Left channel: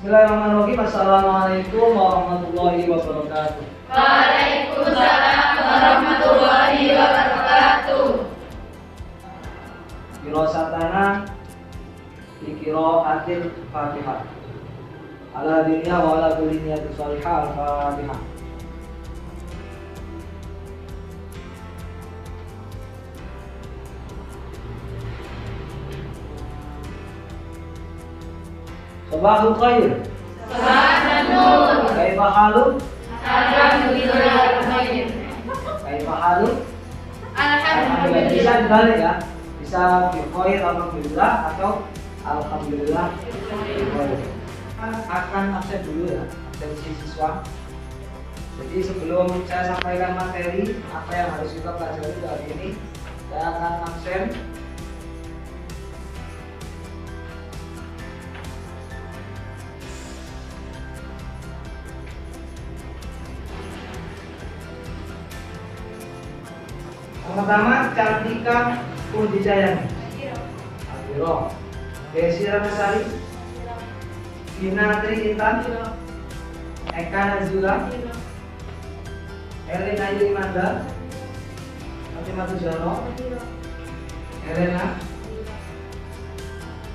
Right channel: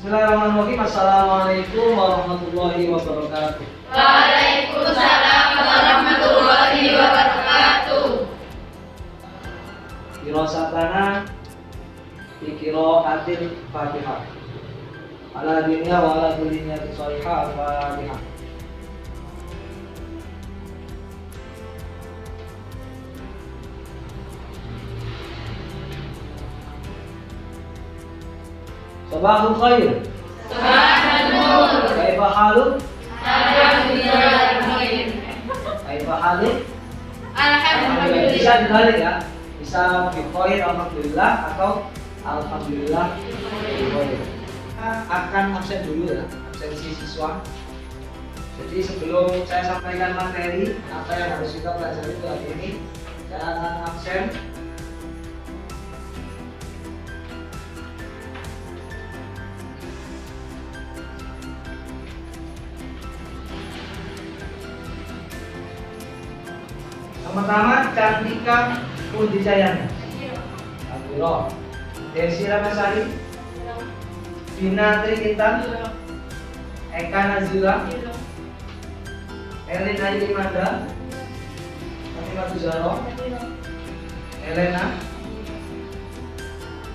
Bismillahirrahmanirrahim. Assalamualaikum warahmatullahi wabarakatuh. Waalaikumsalam warahmatullahi wabarakatuh. Dirosatana Qiraatil Fatihah. Ala dinnya wa ala dulinya Al-Fatihah. Sabahul khair. Sabahul nur. Kaifa haluk? Alhamdulillah khair. Kaifa haluk? Alhamdulillah. Bisa dibalik ya. Bisa bi khair alhamdulillah atau alhamdulillah bi khair. Akan absen dulu ya, absensi siswa. Jadi sebelum saya sampaikan materi apa yang harus kita pelajari hari ini, saya akan absen. Pertama, Cantika Pudijayani, Adiro, Desi Ramasari, Vina Tri Intan, Eka Nazila, Elena Yimanda, Fatimah Tuzaro, Elena,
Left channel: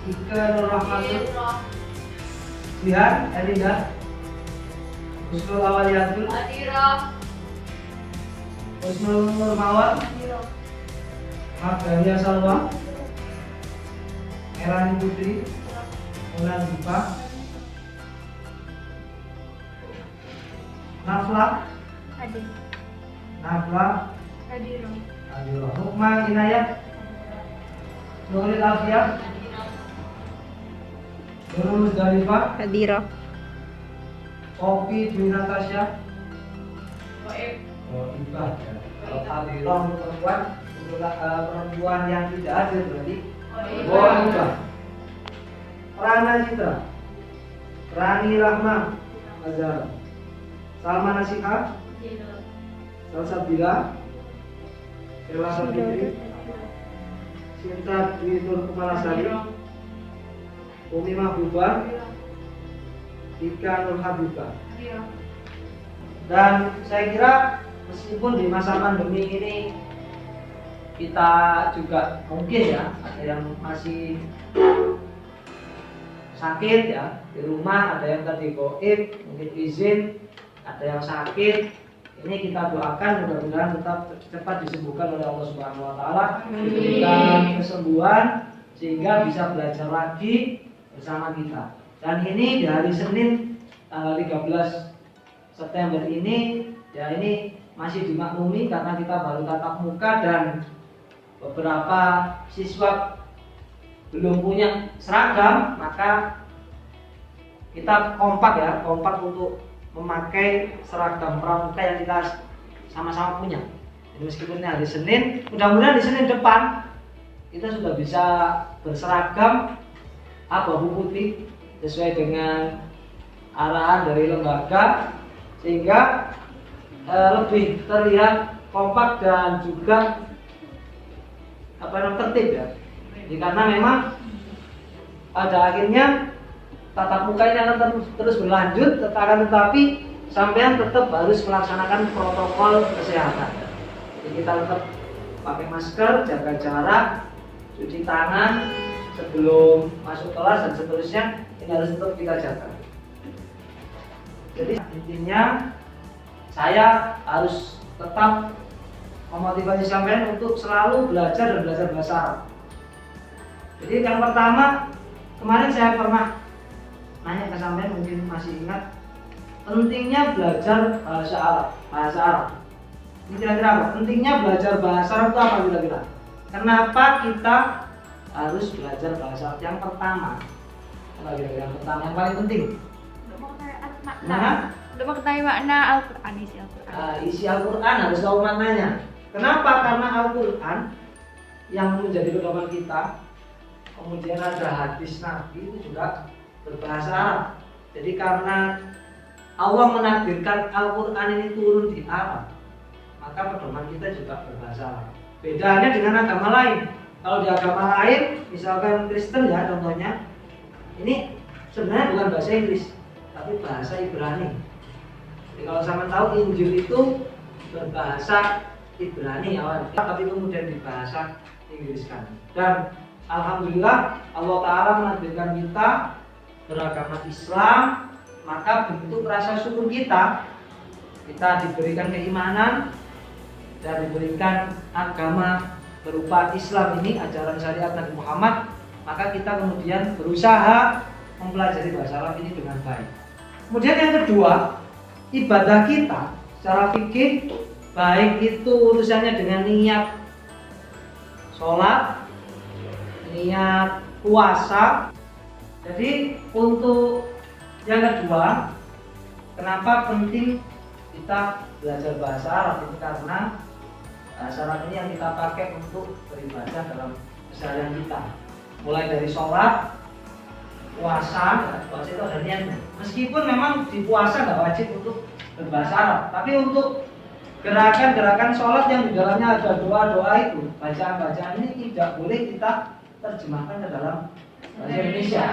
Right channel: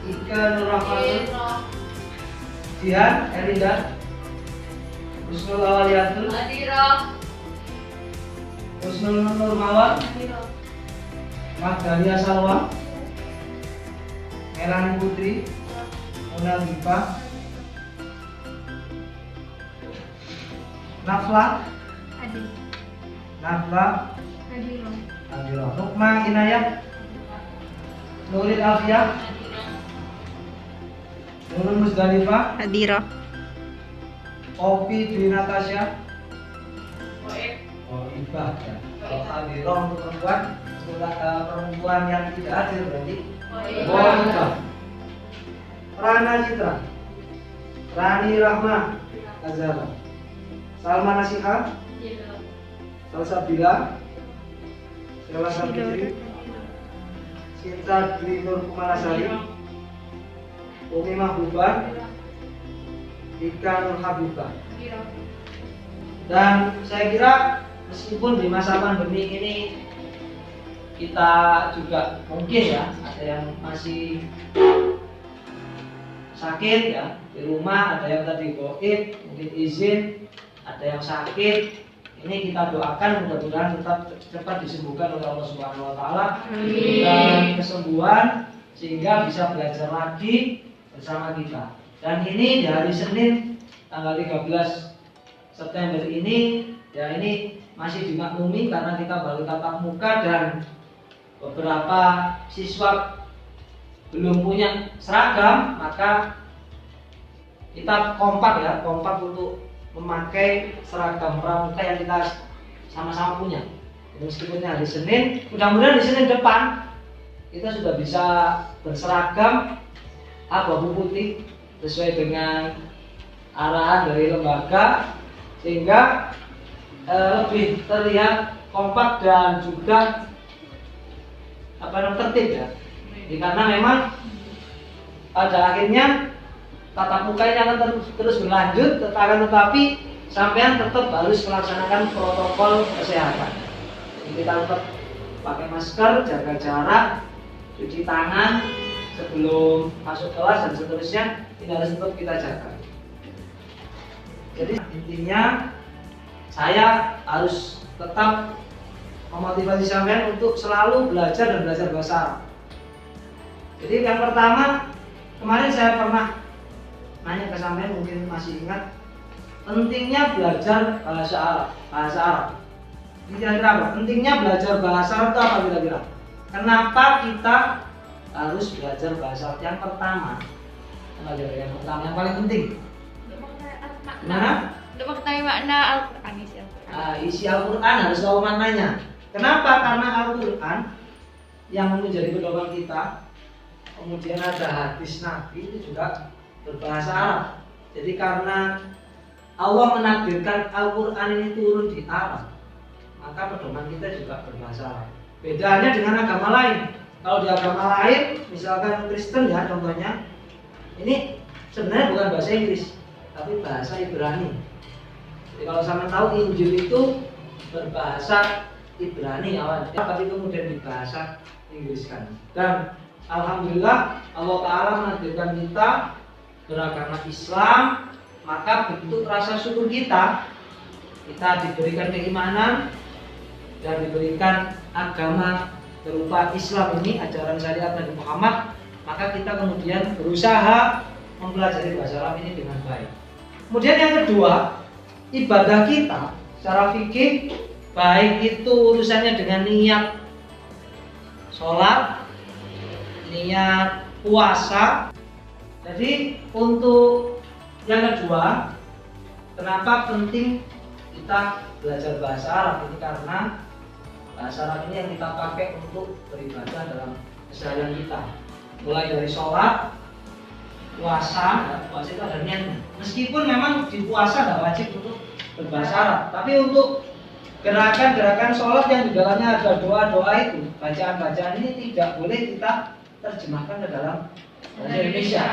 Ika Nur Rahmatul, Jihan Elinda, Husnul Awaliyatul, Husnul Nurmawar, Magdalia Salwa, Melani Putri, Muna Zipa, Nafla, Adiro, Nukma Inayah, Nuril Afia, Nurul Musdalifah, Opi Dwi Natasha, Ibah ya. Kalau Adiro untuk perempuan yang tidak hadir berarti Ibah. Rana Citra, Rani Rahma Azhar, Salma Nasiha, Salsabila, Sela Sabitri, Sinta Dwi Nur Kumalasari, Umi Mahbubah, Ika Nur Habibah. Dan saya kira meskipun di masa pandemi ini kita juga mungkin ya ada yang masih sakit ya di rumah, ada yang tadi gaib, mungkin izin, ada yang sakit. Ini kita doakan mudah-mudahan tetap cepat disembuhkan oleh Allah Subhanahu wa taala, diberikan kesembuhan sehingga bisa belajar lagi bersama kita. Dan ini di hari Senin tanggal 13 September ini ya ini masih dimaklumi karena kita baru tatap muka dan beberapa siswa belum punya seragam, maka kita kompak untuk memakai seragam pramuka yang kita sama-sama punya. Jadi meskipun ini hari Senin, mudah-mudahan di Senin depan kita sudah bisa berseragam abu-abu putih sesuai dengan arahan dari lembaga, sehingga lebih terlihat kompak dan juga tertib ya. Jadi karena memang pada akhirnya tatap muka ini akan terus berlanjut, tetapi sampean tetap harus melaksanakan protokol kesehatan. Jadi kita tetap pakai masker, jaga jarak, cuci tangan sebelum masuk kelas dan seterusnya, ini harus tetap kita jaga. Jadi intinya saya harus tetap memotivasi sampean untuk selalu belajar dan belajar bahasa Arab. Jadi yang pertama, kemarin saya pernah nanya ke sampean, mungkin masih ingat, pentingnya belajar bahasa Arab. Ini kira-kira apa? Pentingnya belajar bahasa Arab itu apa kira-kira? Kenapa kita harus belajar bahasa Arab? Yang pertama, yang paling penting. Nah, Untuk mengetahui makna Al-Quran, isi Al-Quran. Isi Al-Quran harus tahu maknanya. Kenapa? Karena Al-Quran yang menjadi pedoman kita, kemudian ada hadis Nabi itu juga berbahasa Arab. Jadi karena Allah menakdirkan Al-Quran ini turun di Arab, maka pedoman kita juga berbahasa Arab. Bedanya dengan agama lain. Kalau di agama lain, misalkan Kristen ya contohnya, ini sebenarnya bukan bahasa Inggris, tapi bahasa Ibrani. Jadi kalau sama tahu Injil itu berbahasa Ibrani awalnya, tapi kemudian dibahasa Inggriskan. Dan alhamdulillah Allah Ta'ala menakdirkan kita beragama Islam, maka bentuk rasa syukur kita diberikan keimanan dan diberikan agama berupa Islam ini, ajaran syariat Nabi Muhammad, maka kita kemudian berusaha mempelajari bahasa Arab ini dengan baik. Kemudian yang kedua, ibadah kita secara fikih, baik itu urusannya dengan niat sholat, niat puasa. Jadi untuk yang kedua, kenapa penting kita belajar bahasa Arab ini? Karena bahasa Arab ini yang kita pakai untuk beribadah dalam keseharian kita, mulai dari sholat, puasa itu ada niatnya. Meskipun memang di puasa nggak wajib untuk berbahasa Arab, tapi untuk gerakan-gerakan sholat yang di dalamnya ada doa-doa itu, bacaan-bacaan ini tidak boleh kita terjemahkan ke dalam bahasa Indonesia.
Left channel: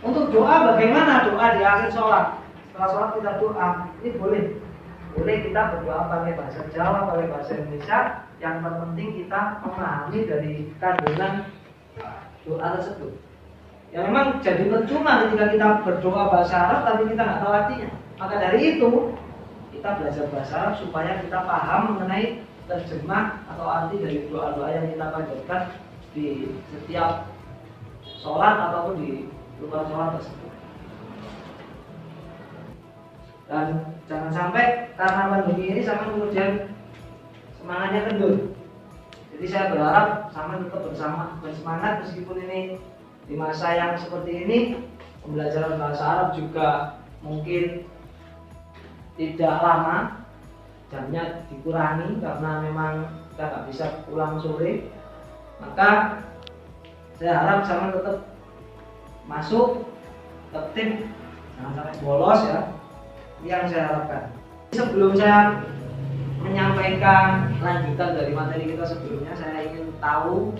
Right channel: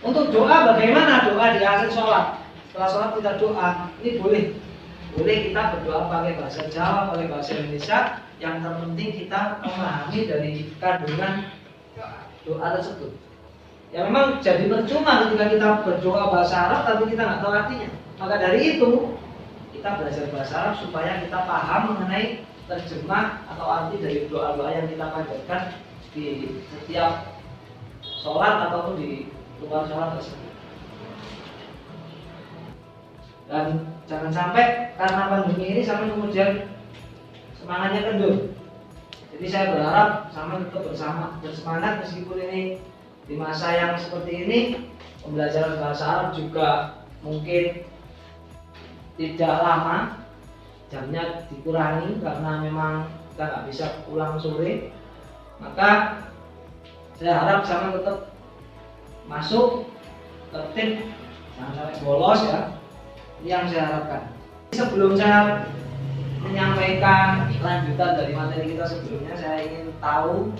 Untuk doa, bagaimana doa di akhir sholat? Setelah sholat kita doa, ini boleh kita berdoa pakai bahasa Jawa, pakai bahasa Indonesia. Yang terpenting kita memahami dari kandungan doa tersebut. Ya memang jadi percuma ketika kita berdoa bahasa Arab tapi kita nggak tahu artinya. Maka dari itu kita belajar bahasa Arab supaya kita paham mengenai terjemah atau arti dari doa-doa yang kita panjatkan di setiap sholat ataupun di luar sholat tersebut. Dan jangan sampai karena pandemi ini sama kemudian semangatnya kendor. Jadi saya berharap sama tetap bersemangat meskipun ini di masa yang seperti ini pembelajaran bahasa Arab juga mungkin tidak lama, jamnya dikurangi karena memang kita nggak bisa pulang sore. Maka saya harap sama tetap masuk tertib, jangan sampai bolos ya. Ini yang saya harapkan. Sebelum saya menyampaikan lanjutan dari materi kita sebelumnya, saya ingin tahu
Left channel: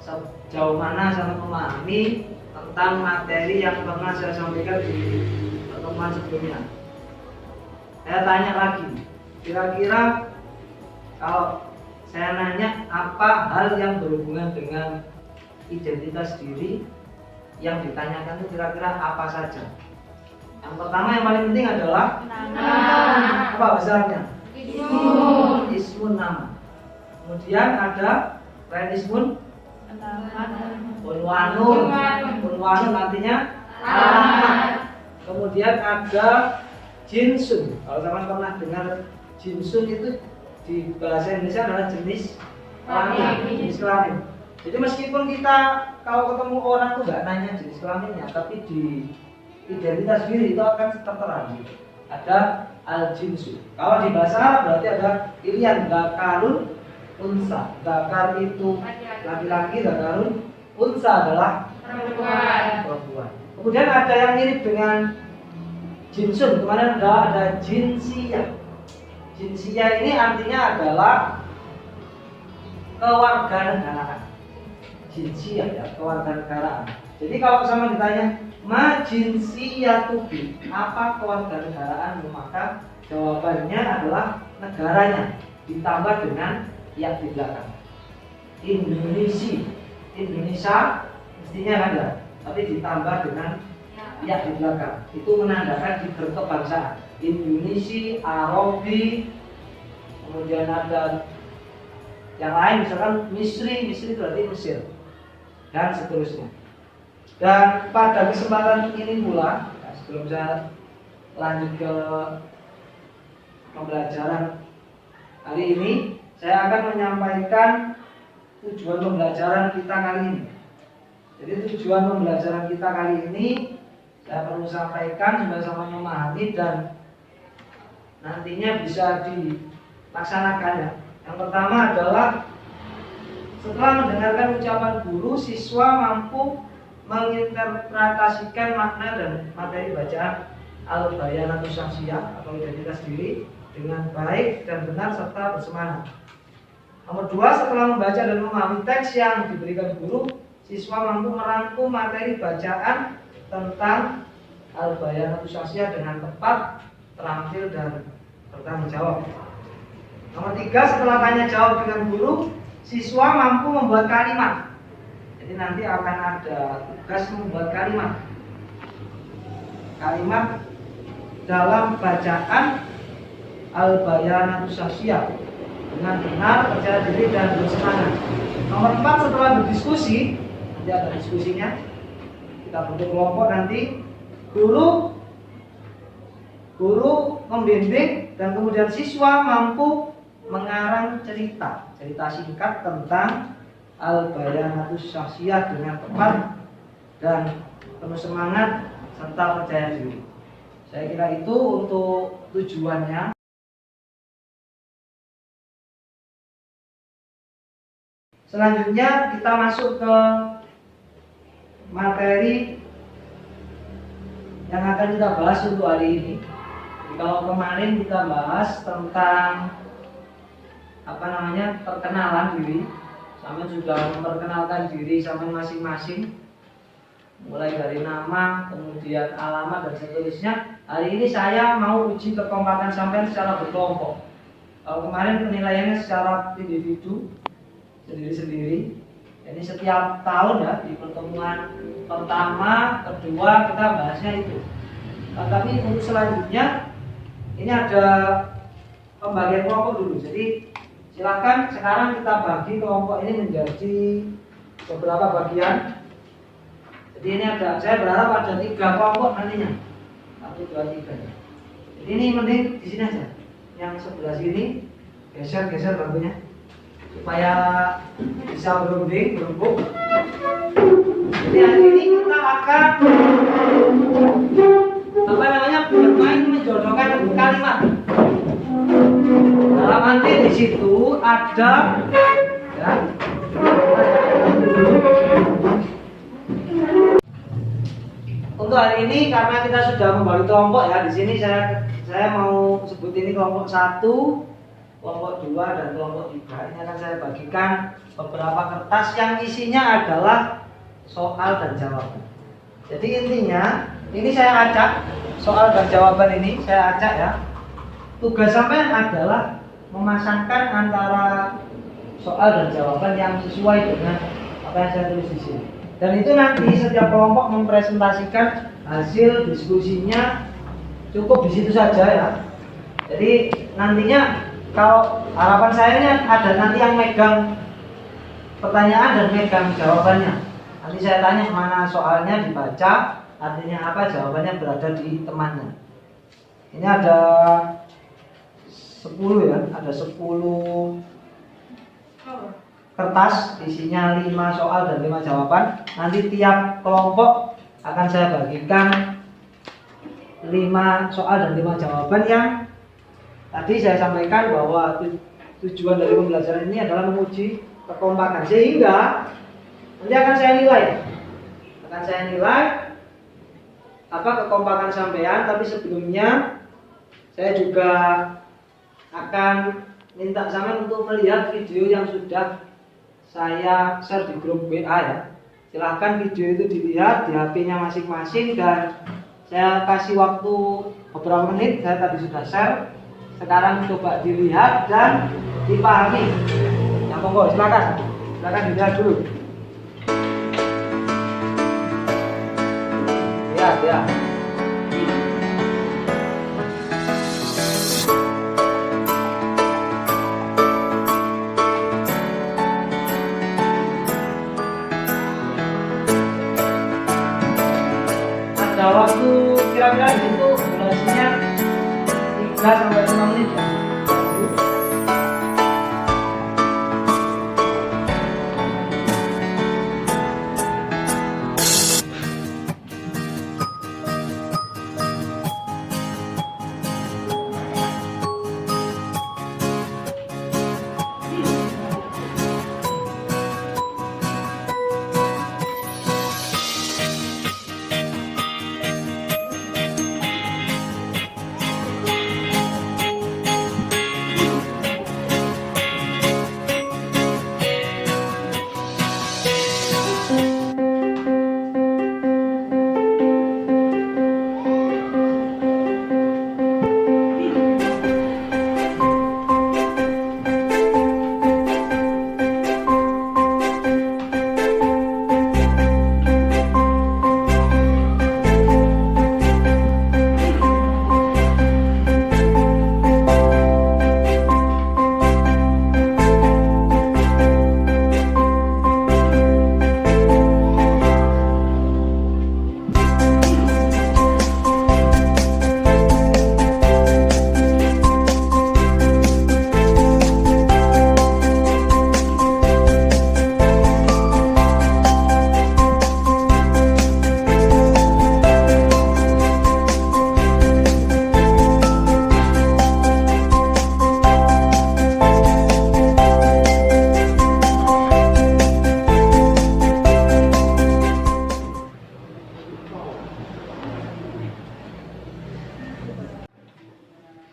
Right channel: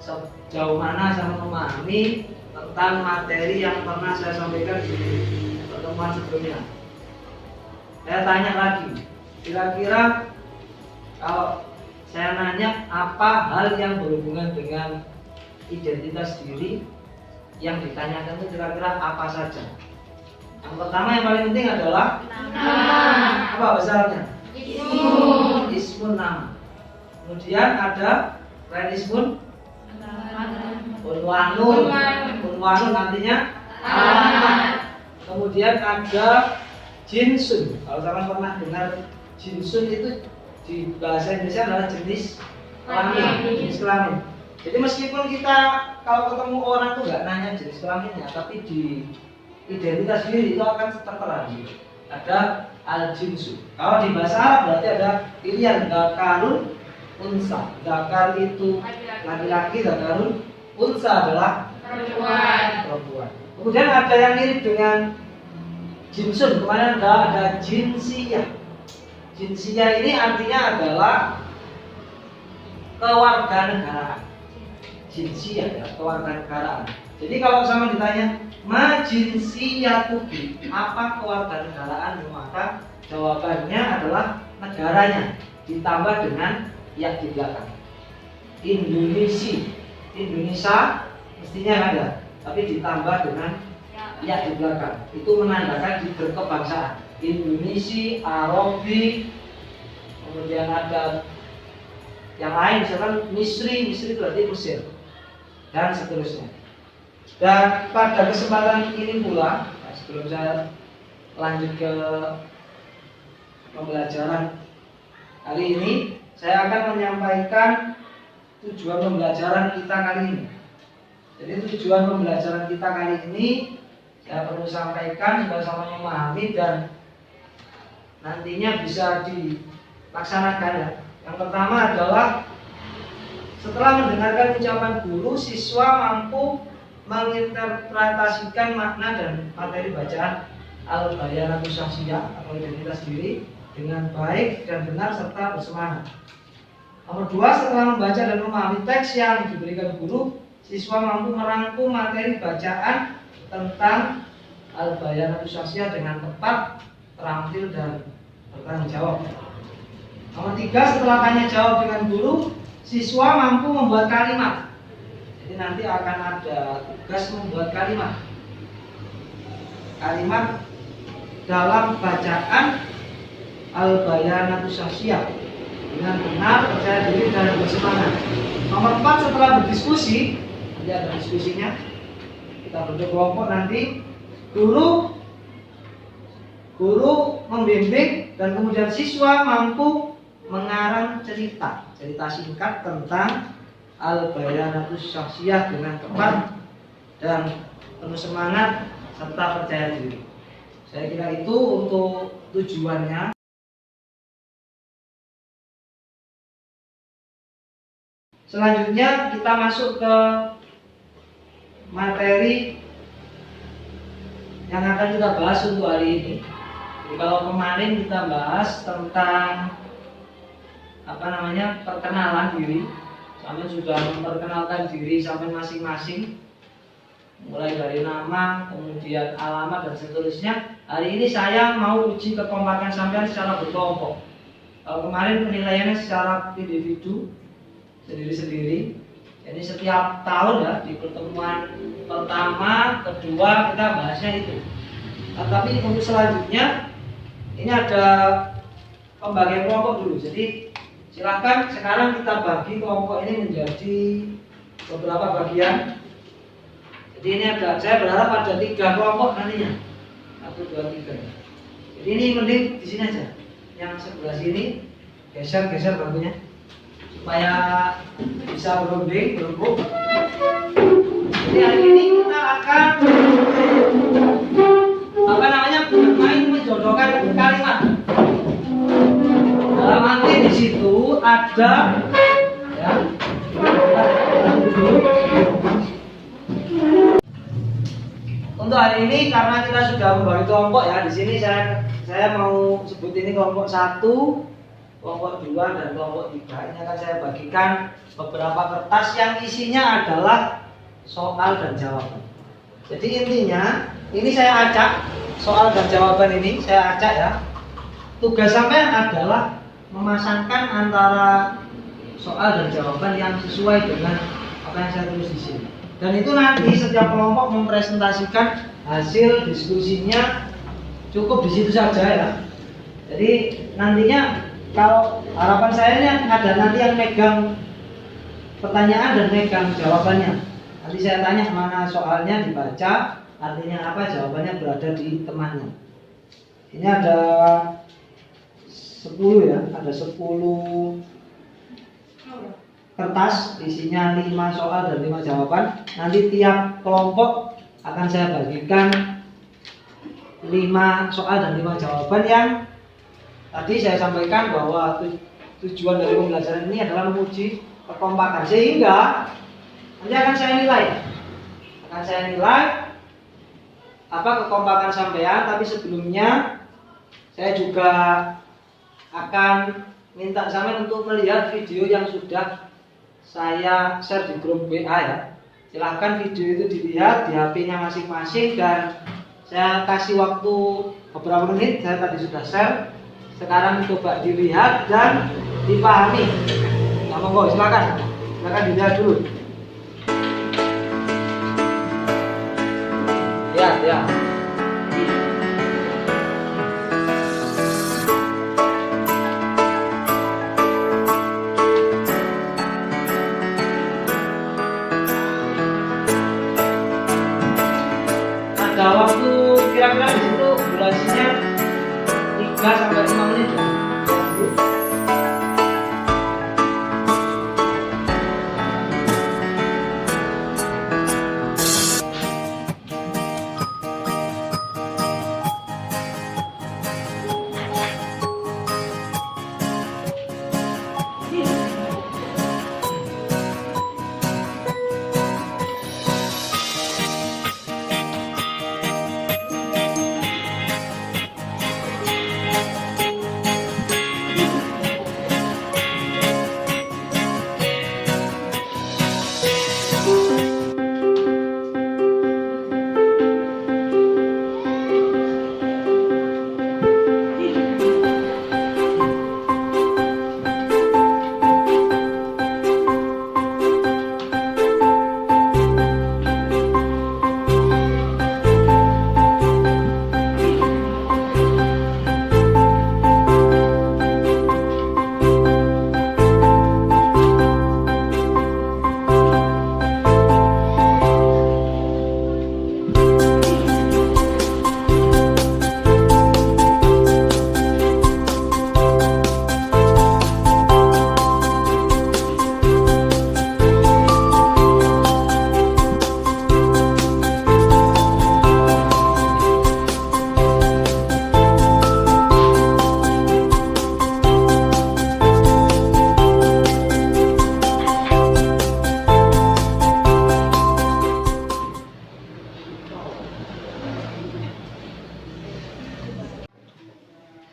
sejauh mana saya memahami tentang materi yang pernah saya sampaikan di pertemuan sebelumnya. Saya tanya lagi, kira-kira kalau saya nanya apa hal yang berhubungan dengan identitas diri yang ditanyakan itu kira-kira apa saja? Yang pertama yang paling penting adalah nama. Apa bahasa Arabnya? Ismun, nama. Kemudian ada selain ismun, unwanun artinya alamat. Kemudian ada jinsun. Kalau teman pernah dengar jinsun itu di bahasa Indonesia adalah jenis kelamin. Jadi meskipun kita kalau ketemu orang tuh nggak nanya jenis kelaminnya, tapi di identitas diri itu akan tertera. Ada al-jinsu. Kalau di bahasa Arab berarti ada pilihan dakarun, unsa. Dakar itu laki-laki, dakarun, unsa adalah perempuan. Kemudian ada yang mirip dengan jinsun. Kemarin ada jinsiyah. Jinsiyah ini artinya adalah kewarganegaraan. Jinsiyah ya, kewarganegaraan. Jadi kalau sama ditanya ma jinsiyatuki, apa kewarganegaraan, maka jawabannya adalah negaranya ditambah dengan yang di belakang. Indonesia mestinya ada, tapi ditambah dengan yang di belakang. Itu menandakan berkebangsaan. Indonesia, Arabi, kemudian ada yang lain, misalkan Misri berarti Mesir, dan seterusnya. Dan pada kesempatan ini pula, sebelum saya lanjut ke pembelajaran kali ini, saya akan menyampaikan tujuan pembelajaran kita kali ini. Jadi tujuan pembelajaran kita kali ini saya perlu sampaikan supaya sama memahami dan nantinya bisa dilaksanakan ya. Yang pertama adalah setelah mendengarkan ucapan guru, siswa mampu menginterpretasikan makna dan materi bacaan al-bayanatus syakhsiyah atau identitas diri dengan baik dan benar serta bersemangat. Nomor 2, setelah membaca dan memahami teks yang diberikan guru, siswa mampu merangkum materi bacaan tentang al-bayanatus syaksiyah dengan tepat, terampil dan bertanggung jawab. Nomor 3, setelah tanya jawab dengan guru, siswa mampu membuat kalimat. Jadi nanti akan ada tugas membuat kalimat. Kalimat dalam bacaan al-bayanatus syaksiyah dengan benar, percaya diri dan bersemangat. Nomor 4, setelah berdiskusi, nanti ada diskusinya. Kita bentuk kelompok nanti. Guru membimbing dan kemudian siswa mampu mengarang cerita singkat tentang al-bayanatus syaksiyah dengan tepat dan penuh semangat serta percaya diri. Saya kira itu untuk tujuannya. Selanjutnya kita masuk ke materi yang akan kita bahas untuk hari ini. Jadi, kalau kemarin kita bahas tentang perkenalan diri, sampai sudah memperkenalkan diri sampai masing-masing, mulai dari nama, kemudian alamat dan seterusnya. Hari ini saya mau uji kekompakan sampean secara berkelompok. Kalau kemarin penilaiannya secara individu, sendiri-sendiri. Jadi setiap tahun ya, di pertemuan pertama, kedua kita bahasnya itu. Tapi untuk selanjutnya ini ada pembagian kelompok dulu. Jadi silakan sekarang kita bagi kelompok ini menjadi beberapa bagian. Jadi ini saya berharap ada 3 kelompok nantinya. 1, 2, 3. Jadi ini mending di sini aja. Yang sebelah sini geser bangkunya supaya bisa berembuk. Jadi hari ini kita akan bermain menjodohkan kalimat. Dalam arti di situ ada ya. Untuk hari ini karena kita sudah membagi kelompok ya, di sini saya mau sebut ini kelompok 1, kelompok 2 dan kelompok 3. Ini akan saya bagikan beberapa kertas yang isinya adalah soal dan jawaban. Jadi intinya ini saya acak soal dan jawaban ini, saya acak ya. Tugas sampean adalah memasangkan antara soal dan jawaban yang sesuai dengan apa yang saya tulis di sini. Dan itu nanti setiap kelompok mempresentasikan hasil diskusinya, cukup di situ saja ya. Jadi nantinya kalau harapan saya ini ada nanti yang megang pertanyaan dan megang jawabannya. Nanti saya tanya mana soalnya dibaca, artinya apa, jawabannya berada di temannya. Ini ada 10 ya, ada 10 kertas isinya 5 soal dan 5 jawaban. Nanti tiap kelompok akan saya bagikan 5 soal dan 5 jawaban yang tadi saya sampaikan bahwa tujuan dari pembelajaran ini adalah menguji kekompakan, sehingga nanti akan saya nilai apa kekompakan sampean. Tapi sebelumnya saya juga akan minta sampean untuk melihat video yang sudah saya share di grup WA ya. Silahkan video itu dilihat di HP-nya masing-masing dan saya kasih waktu beberapa menit. Saya tadi sudah share, sekarang coba dilihat dan dipahami. Ya monggo, silakan dilihat dulu. Ya. Ada waktu kira-kira di situ durasinya 3 sampai 5 menit.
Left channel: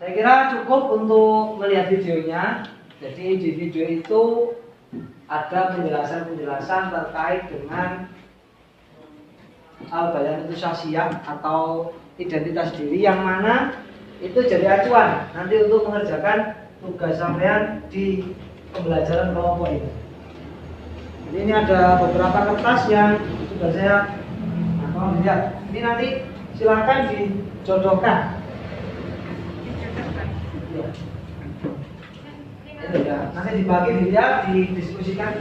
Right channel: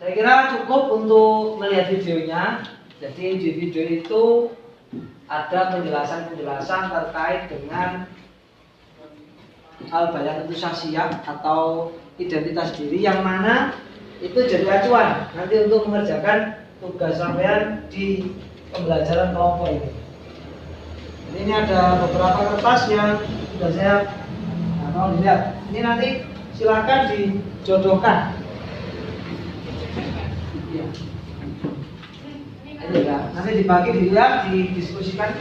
Saya kira cukup untuk melihat videonya. Jadi di video itu ada penjelasan-penjelasan terkait dengan al-bayan itu syakhsiyah atau identitas diri, yang mana itu jadi acuan nanti untuk mengerjakan tugas sampean di pembelajaran kelompok ini. Jadi ini ada beberapa kertas yang sudah saya mau dilihat. Ini nanti silakan dijodohkan. Ya. Ini ya, nanti dibagi dilihat, didiskusikan.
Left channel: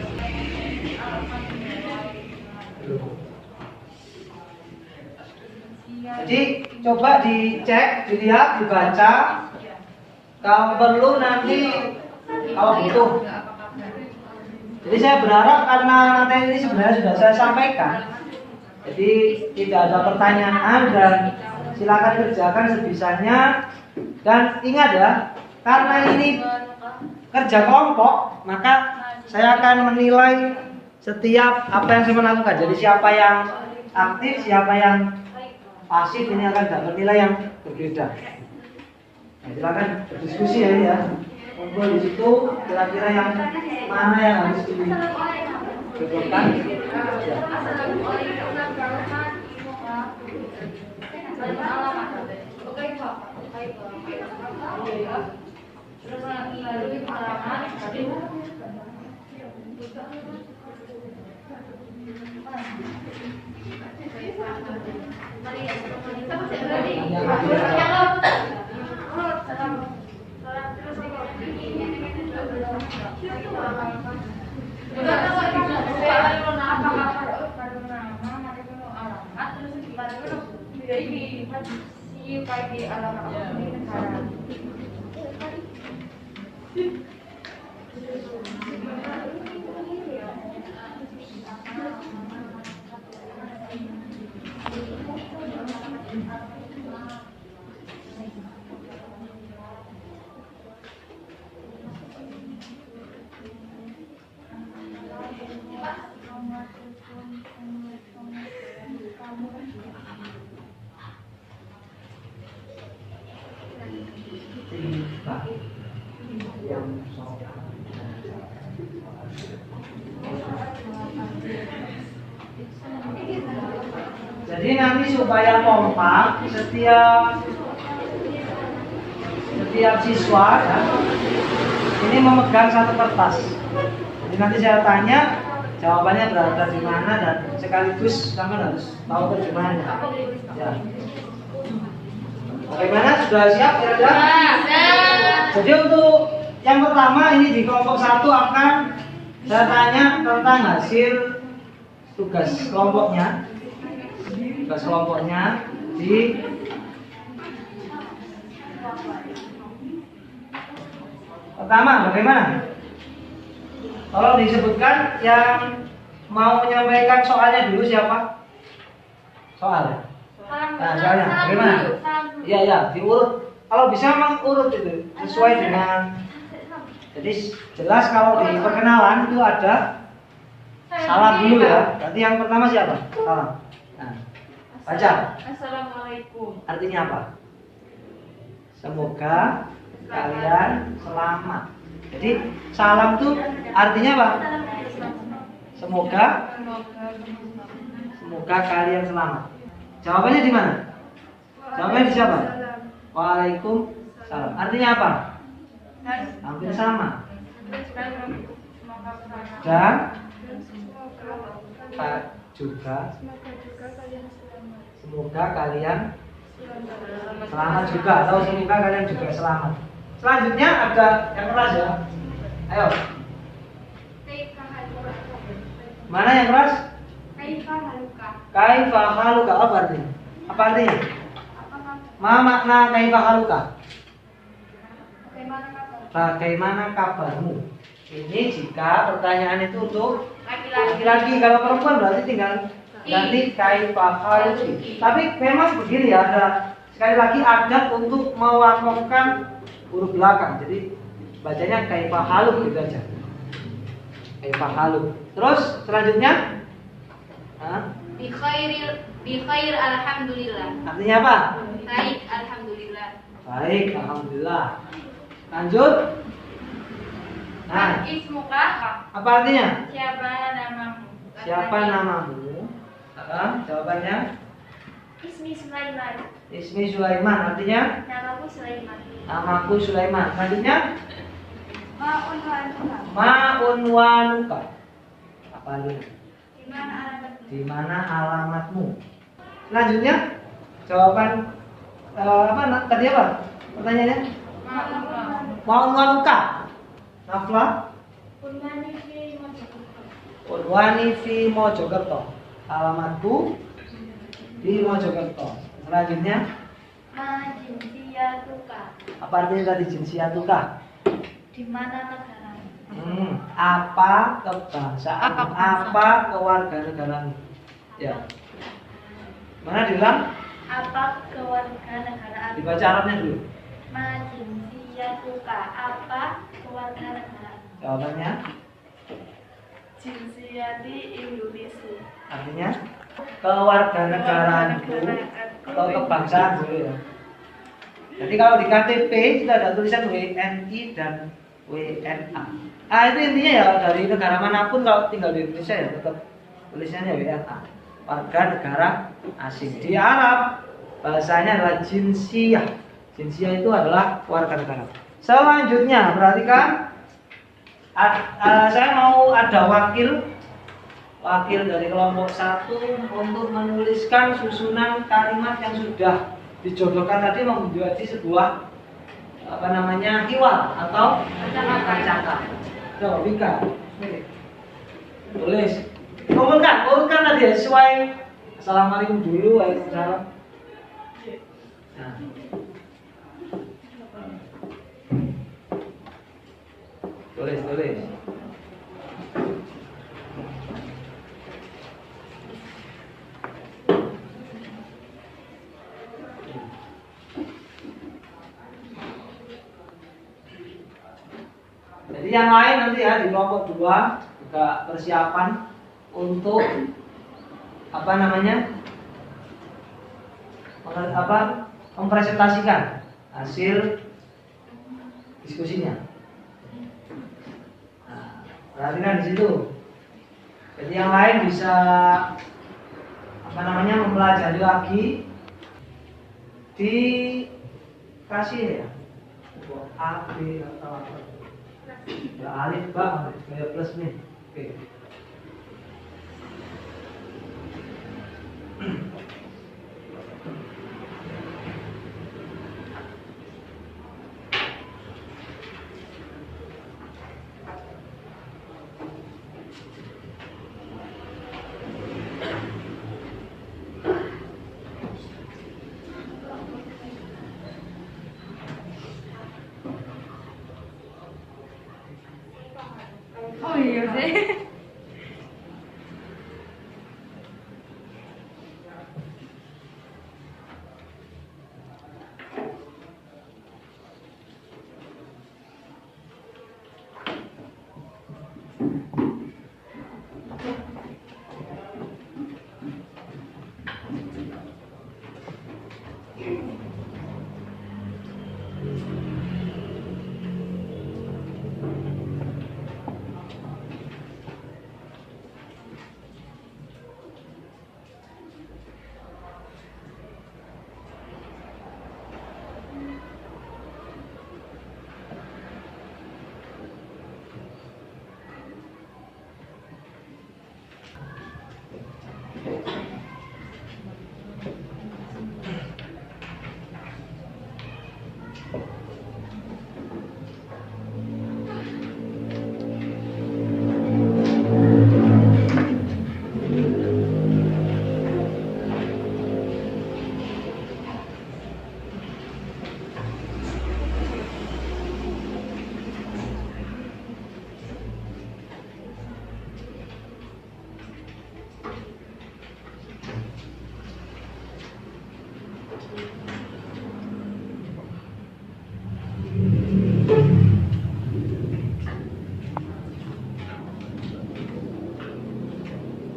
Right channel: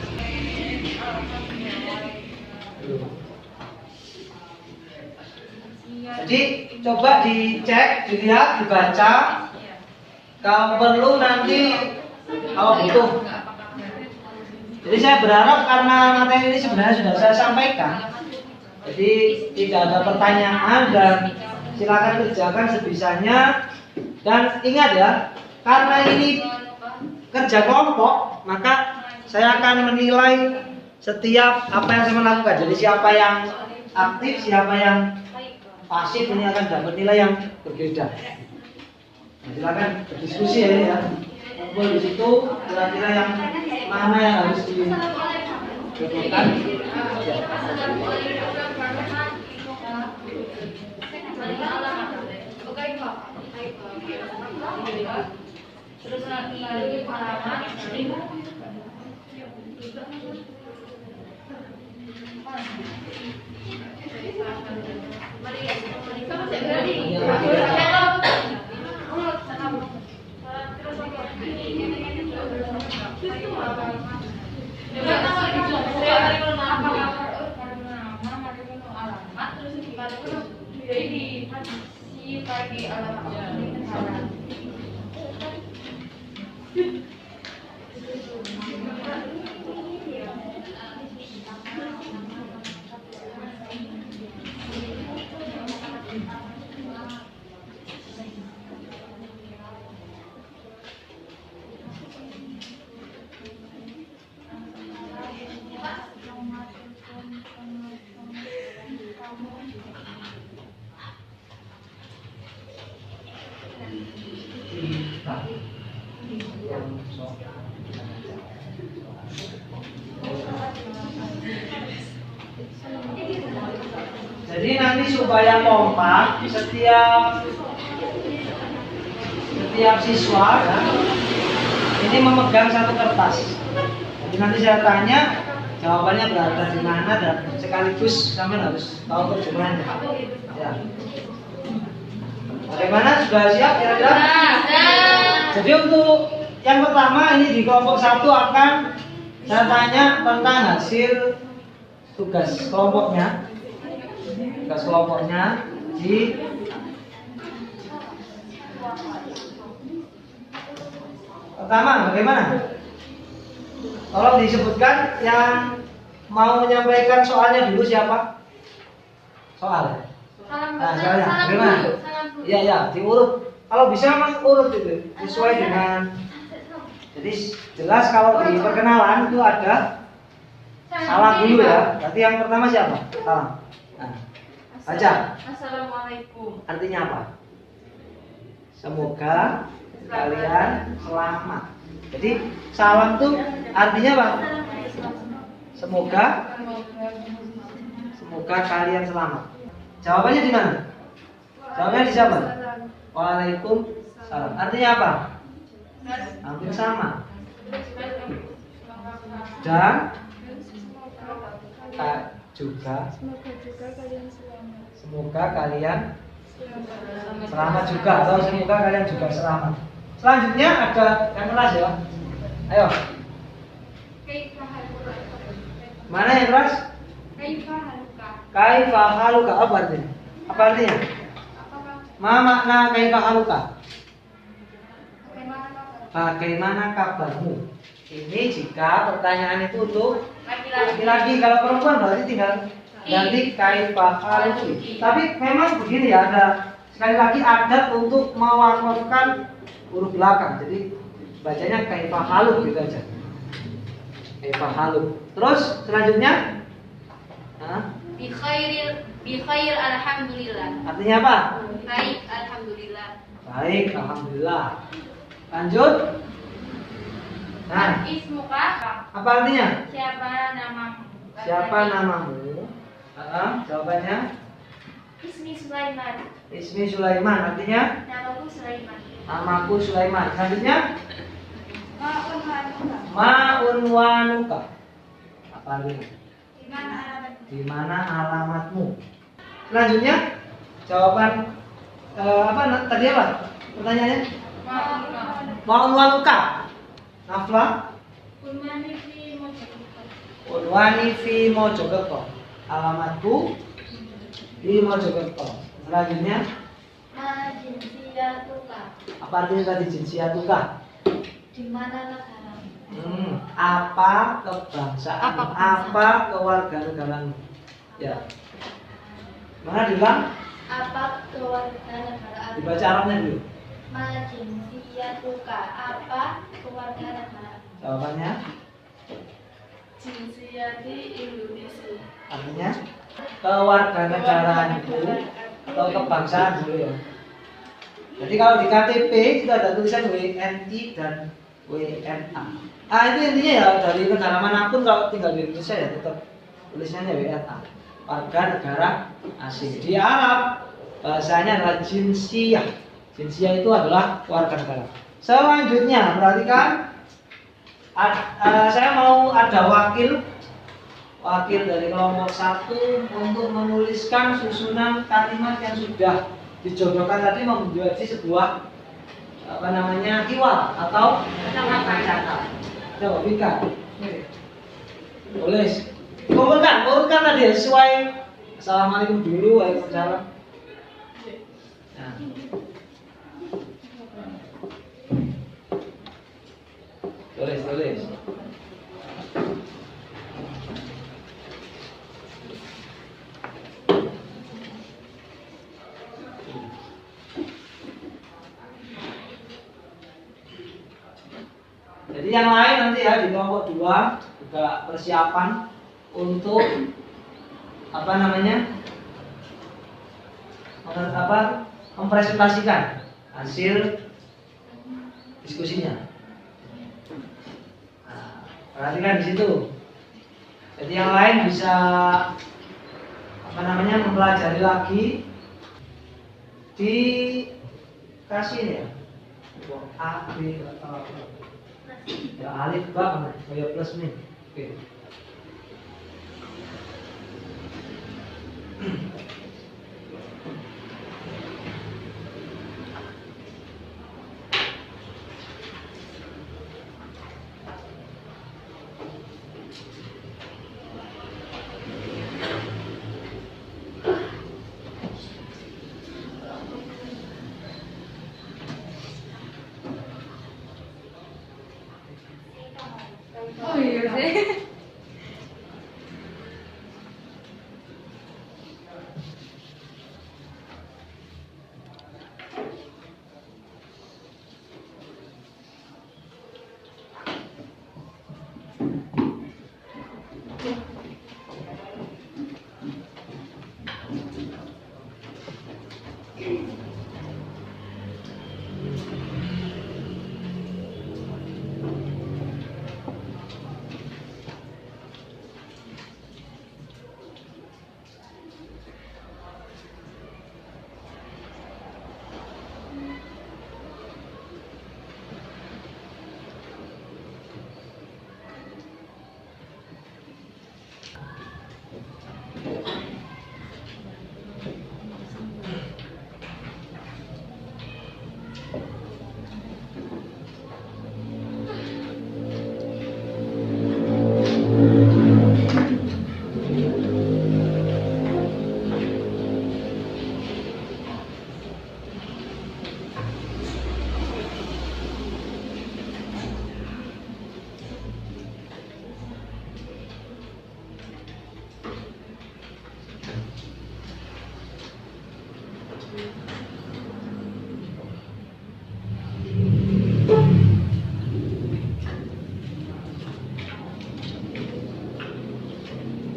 Jadi coba dicek, dilihat, dibaca. Kalau perlu nanti kalau butuh. Jadi saya berharap karena materi ini sebenarnya sudah saya sampaikan, jadi tidak ada pertanyaan dan silakan kerjakan sebisanya. Dan ingat ya, karena ini kerja kelompok, maka saya akan menilai setiap apa yang saya lakukan. Jadi siapa yang aktif, siapa yang pasif, ini akan dapat nilai yang berbeda. Nah, silakan berdiskusi ya ini ya. Kumpul di situ, kira-kira yang mana yang harus dijodohkan. Ya. Jadi nanti supaya kompak, setiap siswa ya, ini memegang satu kertas. Jadi nanti saya tanya, jawabannya berada di mana, dan sekaligus sampai harus tahu terjemahannya. Ya. Bagaimana, sudah siap ya? Jadi untuk yang pertama ini di kelompok 1 akan saya tanya tentang hasil tugas kelompoknya. Tugas kelompoknya di pertama bagaimana? Tolong disebutkan yang mau menyampaikan soalnya dulu siapa? Soal. Nah, soalnya bagaimana? Iya ya, diurut. Kalau bisa memang urut itu sesuai dengan. Jadi jelas kalau di perkenalan itu ada salam dulu ya. Berarti yang pertama siapa? Salam. Nah, baca. Assalamualaikum. Artinya apa? Semoga kalian selamat. Jadi salam itu artinya apa? Semoga kalian selamat. Jawabannya di mana? Jawabannya di siapa? Waalaikumsalam. Artinya apa? Hampir sama. Dan juga semoga kalian selamat juga, atau semoga kalian juga selamat. Selanjutnya ada yang keras ya. Ayo. Mana yang keras? Kaifa haluka. Apa artinya? Apa artinya? Ma makna kaifa haluka? Bagaimana kabarmu? Ini jika pertanyaan itu untuk laki-laki. Kalau perempuan berarti tinggal ganti kaifa haluki. Tapi memang begini ya, ada sekali lagi adat untuk mewakafkan huruf belakang. Jadi bacanya kaifa haluk gitu aja. Kaifa haluk. Terus selanjutnya Bi khair alhamdulillah. artinya apa? Baik, alhamdulillah. Baik, alhamdulillah. Lanjut. Nah, Ismuka. apa artinya? Siapa namamu? Siapa namamu? Jawabannya Ismi Sulaiman. Ismi Sulaiman, artinya Namaku Sulaiman. namaku Sulaiman. Selanjutnya Ma'un wanuka. Ma'un wanuka. Apa artinya? Di mana alamatmu? Di mana alamatmu? Selanjutnya jawaban tadi apa? Pertanyaannya? Ma'un wanuka. Ma'un wanuka. Nafla Unwani fi Mojokerto. Unwani fi Mojokerto. Alamatku di Mojokerto. Selanjutnya Majinsiyatuka. apa artinya tadi jinsiyatuka? Di mana negaramu? Apa kebangsaan? Apa kewarganegaraan? Ya. Mana diulang? Apa kewarganegaraan? Dibaca Arabnya dulu. Majinsiyatuka. Apa kewarganegaraan? Jawabannya Jinsiyati Indonesia. artinya kewarganegaraanku atau kebangsaan boleh ya. Jadi kalau di KTP itu ada tulisan WNI dan WNA. Itu intinya ya dari negara manapun kalau tinggal di Indonesia ya tetap tulisannya WNA. Warga negara asing. Di Arab bahasanya adalah jinsiyah. Jinsiyah itu adalah warga negara. Selanjutnya perhatikan, saya mau ada wakil dari kelompok 1 untuk menuliskan susunan kalimat yang sudah dijodohkan tadi menjadi sebuah hiwar atau percakapan. Coba Vika, tulis, kumpulkan tadi ya, sesuai. Assalamualaikum dulu, waalaikumsalam. Nah. Tulis. Jadi yang lain nanti ya di kelompok 2 juga persiapan untuk mempresentasikan hasil diskusinya. Nah, perhatikan di situ. Jadi yang lain bisa mempelajari lagi dikasih ya A, B atau ya alif ba kayak plus min. Oke. Oh iya sih.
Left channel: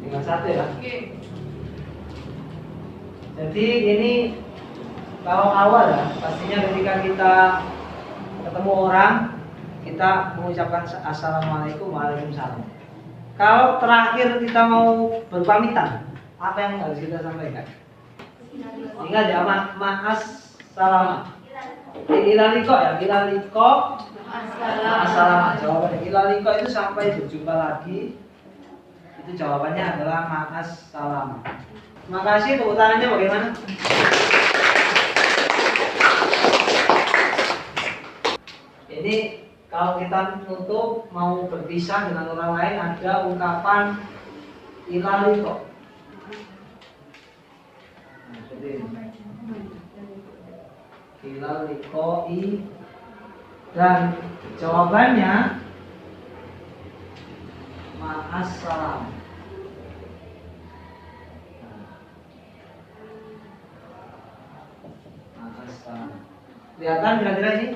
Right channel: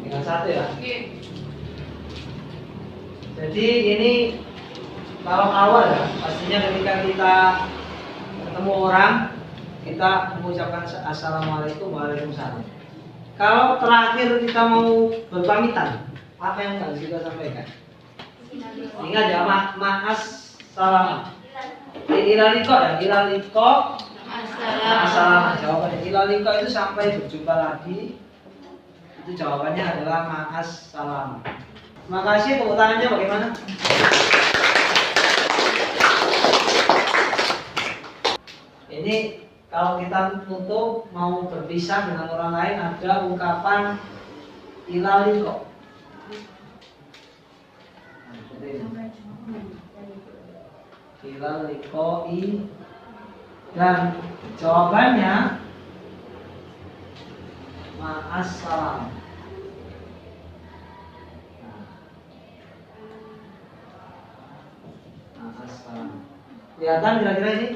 Tinggal 1 ya. Oke. Jadi ini kalau awal ya, pastinya ketika kita ketemu orang, kita mengucapkan assalamualaikum waalaikumsalam. Kalau terakhir kita mau berpamitan, apa yang harus kita sampaikan? Ingat ya, ma'as salam. Ilaliko ya, ilaliko. Assalamualaikum. Jawabannya ilaliko itu sampai berjumpa lagi. Itu jawabannya adalah ma'as salam. Terima kasih, tepuk tangannya bagaimana? Ini kalau kita tutup mau berpisah dengan orang lain ada ungkapan ilaliko. Ilalikoi, dan jawabannya ma'assalam. Ma'assalam. Kelihatan kira-kira ini?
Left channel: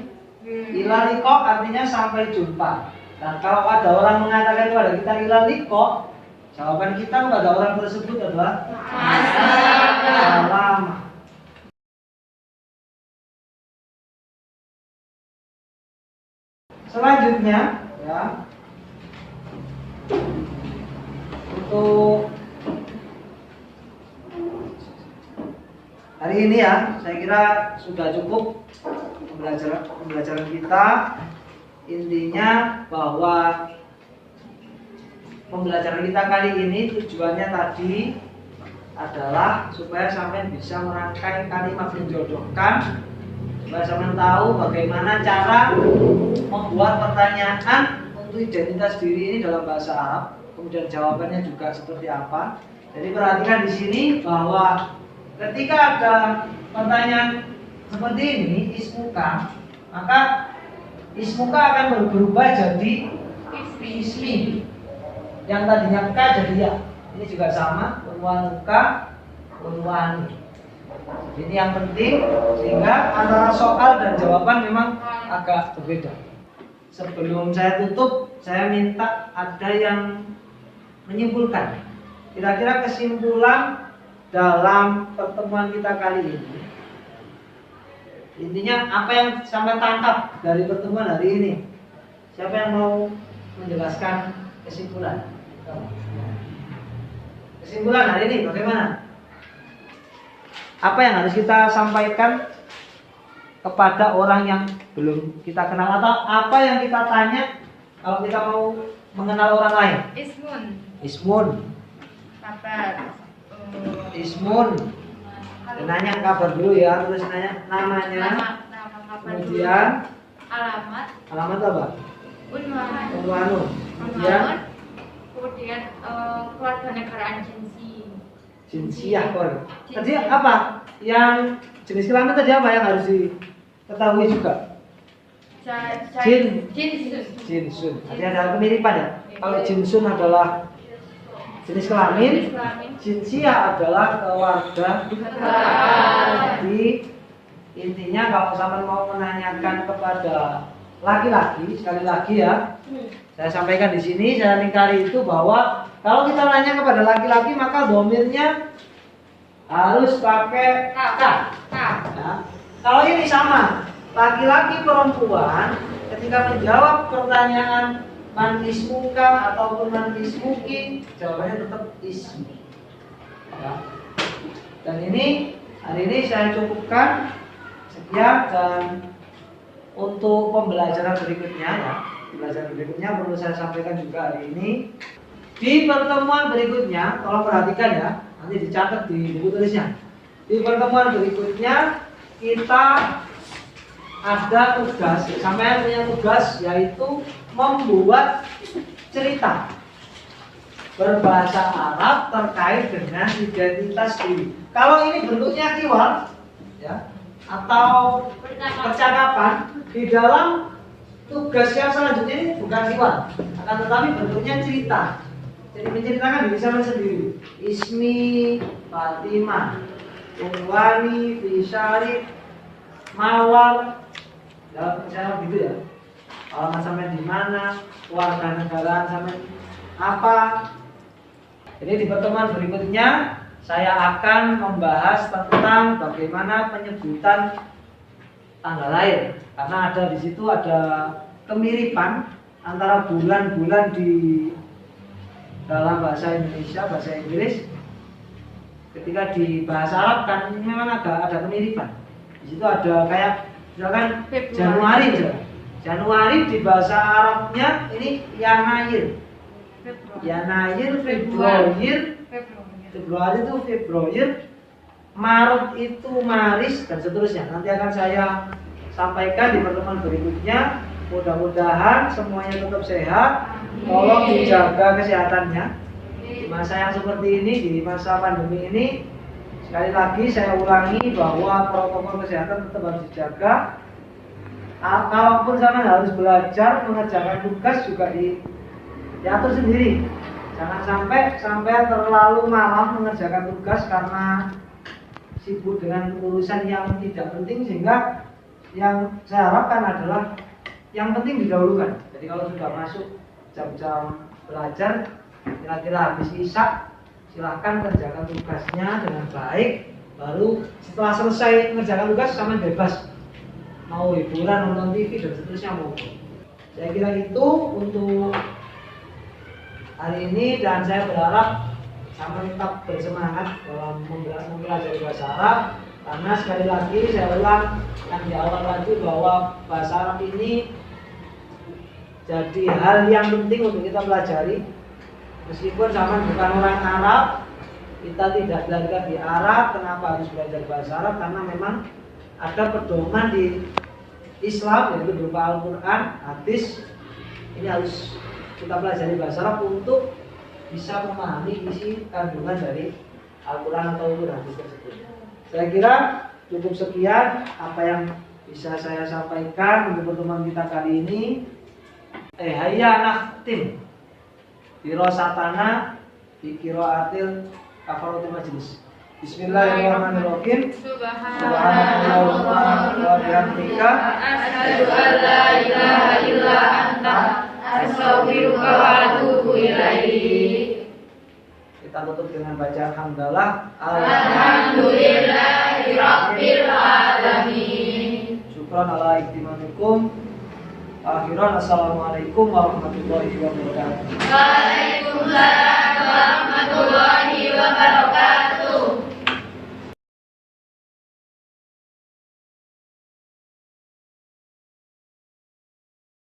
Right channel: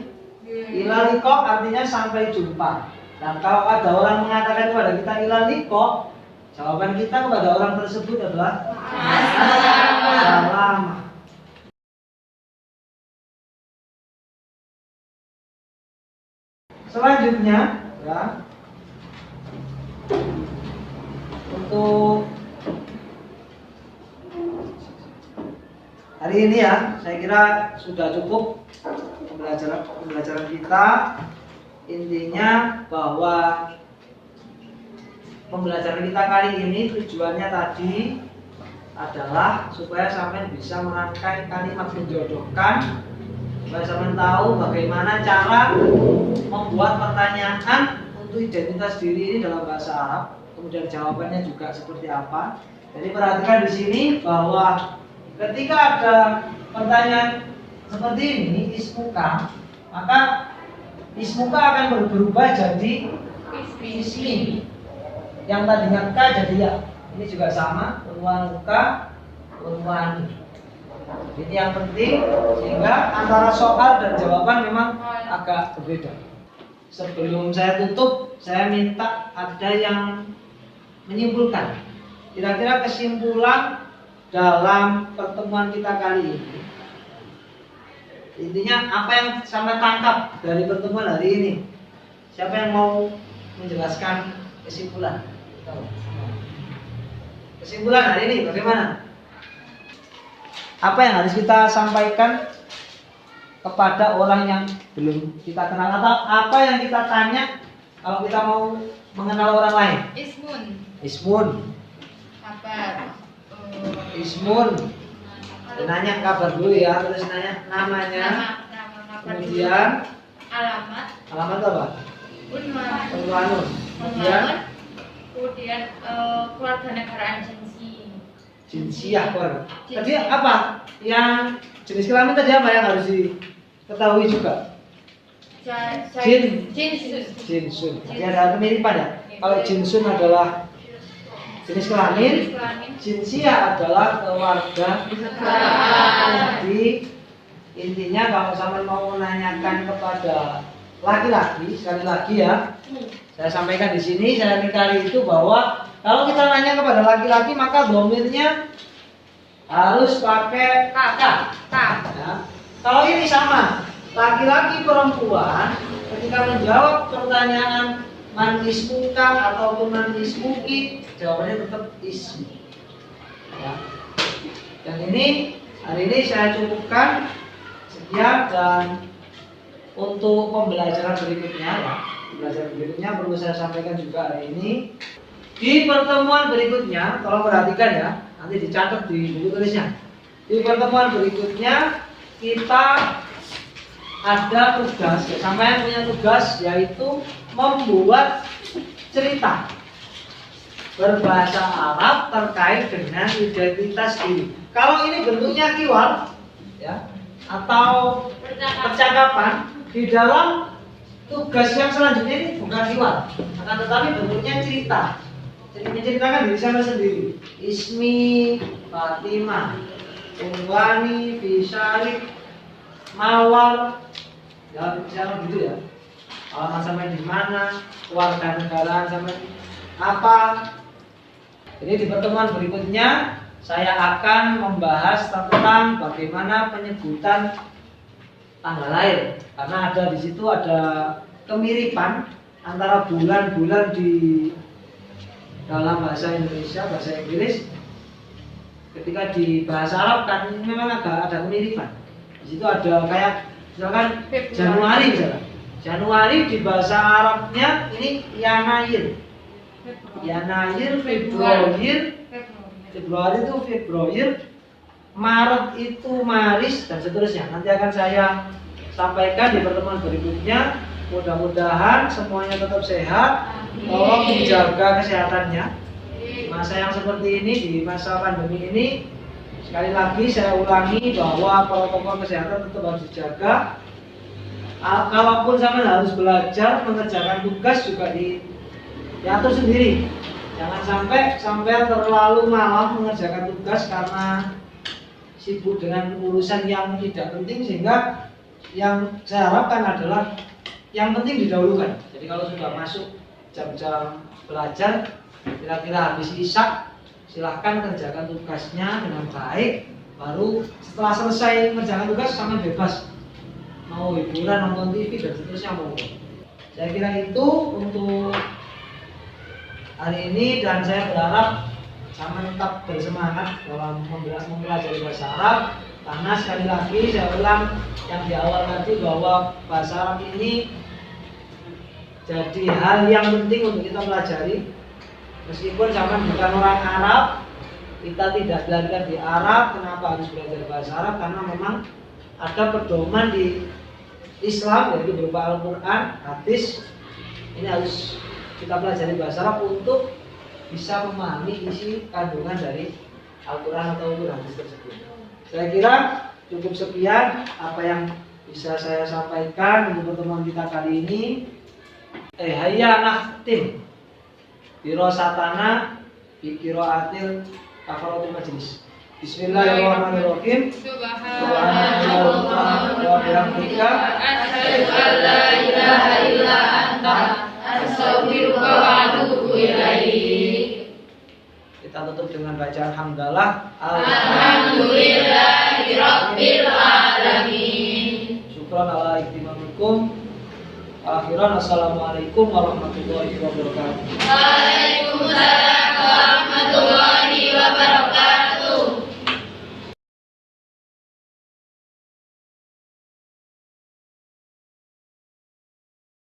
Ilaliko artinya sampai jumpa. Dan kalau ada orang mengatakan kepada kita ilaliko, jawaban kita kepada orang tersebut adalah ma'assalam. Selanjutnya ya, untuk hari ini ya, saya kira sudah cukup pembelajaran kita. Intinya bahwa pembelajaran kita kali ini tujuannya tadi adalah supaya sampai bisa merangkai kalimat menjodohkan, supaya sampai tahu bagaimana cara membuat pertanyaan untuk identitas diri ini dalam bahasa Arab, kemudian jawabannya juga seperti apa. Jadi perhatikan di sini bahwa ketika ada pertanyaan seperti ini, ismuka, maka ismuka akan berubah jadi ismi. Yang tadinya ka jadi ya. Ini juga sama, unwanuka, unwani. Ini yang penting, sehingga antara soal dan jawaban memang agak berbeda. Sebelum saya tutup, saya minta ada yang menyimpulkan. Kira-kira kesimpulan dalam pertemuan kita kali ini. Intinya apa yang sampai tangkap dari pertemuan hari ini? Siapa yang mau menjelaskan kesimpulan? Kesimpulan hari ini bagaimana? Apa yang harus kita sampaikan kepada orang yang belum kita kenal, atau apa yang kita tanya kalau kita mau mengenal orang lain? Ismun. Kabar. Ismun. Nanya kabar dulu ya, terus nanya namanya. Nama Kemudian alamat. Alamat apa? Unwan. Unwanun. Kemudian keluarga negaraan Jinsiyah keluarga. Tadi apa? Yang jenis kelamin tadi apa yang harus diketahui juga? Jinsun. Jadi ada kemiripan ya. Kalau jinsun adalah jenis kelamin, jinsiyah adalah keluarga. Jadi intinya kalau sampai mau menanyakan kepada laki-laki, sekali lagi ya, saya sampaikan di sini, saya ingkari itu bahwa kalau kita nanya kepada laki-laki maka domirnya harus pakai ka. Ya. Kalau ini sama, laki-laki perempuan ketika menjawab pertanyaan man ismuka ataupun man ismuki, jawabannya tetap ismi. Ya. Dan ini hari ini saya cukupkan sekian, dan untuk pembelajaran berikutnya ya, pembelajaran berikutnya perlu saya sampaikan juga hari ini. Di pertemuan berikutnya, tolong perhatikan ya, nanti dicatat di buku tulisnya. Di pertemuan berikutnya kita ada tugas, sampai punya tugas yaitu membuat cerita berbahasa Arab terkait dengan identitas diri. Kalau ini bentuknya kiwal ya, atau percakapan, di dalam tugas yang selanjutnya ini bukan kiwal, akan tetapi bentuknya cerita. Jadi menceritakan diri saya sendiri. Ismi Fatimah, Unwani Fisari Mawar, ya misalnya gitu ya. Alamat sampai di mana, keluarga negaraan sampai apa. Jadi di pertemuan berikutnya saya akan membahas tentang bagaimana penyebutan tanggal lahir, karena ada di situ ada kemiripan antara bulan-bulan di dalam bahasa Indonesia, bahasa Inggris. Ketika di bahasa Arab kan memang agak ada kemiripan. Di situ ada kayak misalkan Januari misalkan. Januari di bahasa Arabnya ini Yanair. Yanair, Februari itu Februari, Maret itu Maris, dan seterusnya. Nanti akan saya sampaikan di pertemuan berikutnya. Mudah-mudahan semuanya tetap sehat. Tolong dijaga kesehatannya. Di masa yang seperti ini, di masa pandemi ini, sekali lagi saya ulangi bahwa protokol kesehatan tetap harus dijaga. Kalaupun sampai harus belajar mengerjakan tugas juga diatur sendiri. Jangan sampai terlalu malam mengerjakan tugas karena sibuk dengan urusan yang tidak penting, sehingga yang saya harapkan adalah yang penting didahulukan. Jadi kalau sudah masuk jam-jam belajar, kira-kira habis isya, silahkan kerjakan tugasnya dengan baik. Baru setelah selesai mengerjakan tugas, sampai bebas mau hiburan, nonton TV dan seterusnya mau. Saya kira itu untuk hari ini, dan saya berharap sama tetap bersemangat dalam mempelajari bahasa Arab, karena sekali lagi saya ulang yang di awal tadi bahwa bahasa Arab ini jadi hal yang penting untuk kita pelajari. Meskipun sama bukan orang Arab, kita tidak belajar di Arab, kenapa harus belajar bahasa Arab? Karena memang ada pedoman di Islam, yaitu berupa Al-Quran, hadis. Ini harus kita pelajari bahasa Arab untuk bisa memahami isi kandungan dari Al-Quran atau hadis tersebut. Saya kira cukup sekian apa yang bisa saya sampaikan untuk pertemuan kita kali ini. Hayya nakhtim dirosatana bi qiraatil kafaratul majlis. Bismillahirrahmanirrahim. Subhanallah wa bihamdika Asyhadu an la ilaha illa anta astaghfiruka wa atubu ilaik. Kita tutup dengan bacaan hamdalah. Alhamdulillahirabbil alamin. Syukran ala iktimamikum. Akhiran, assalamualaikum warahmatullahi wabarakatuh. Waalaikumsalam.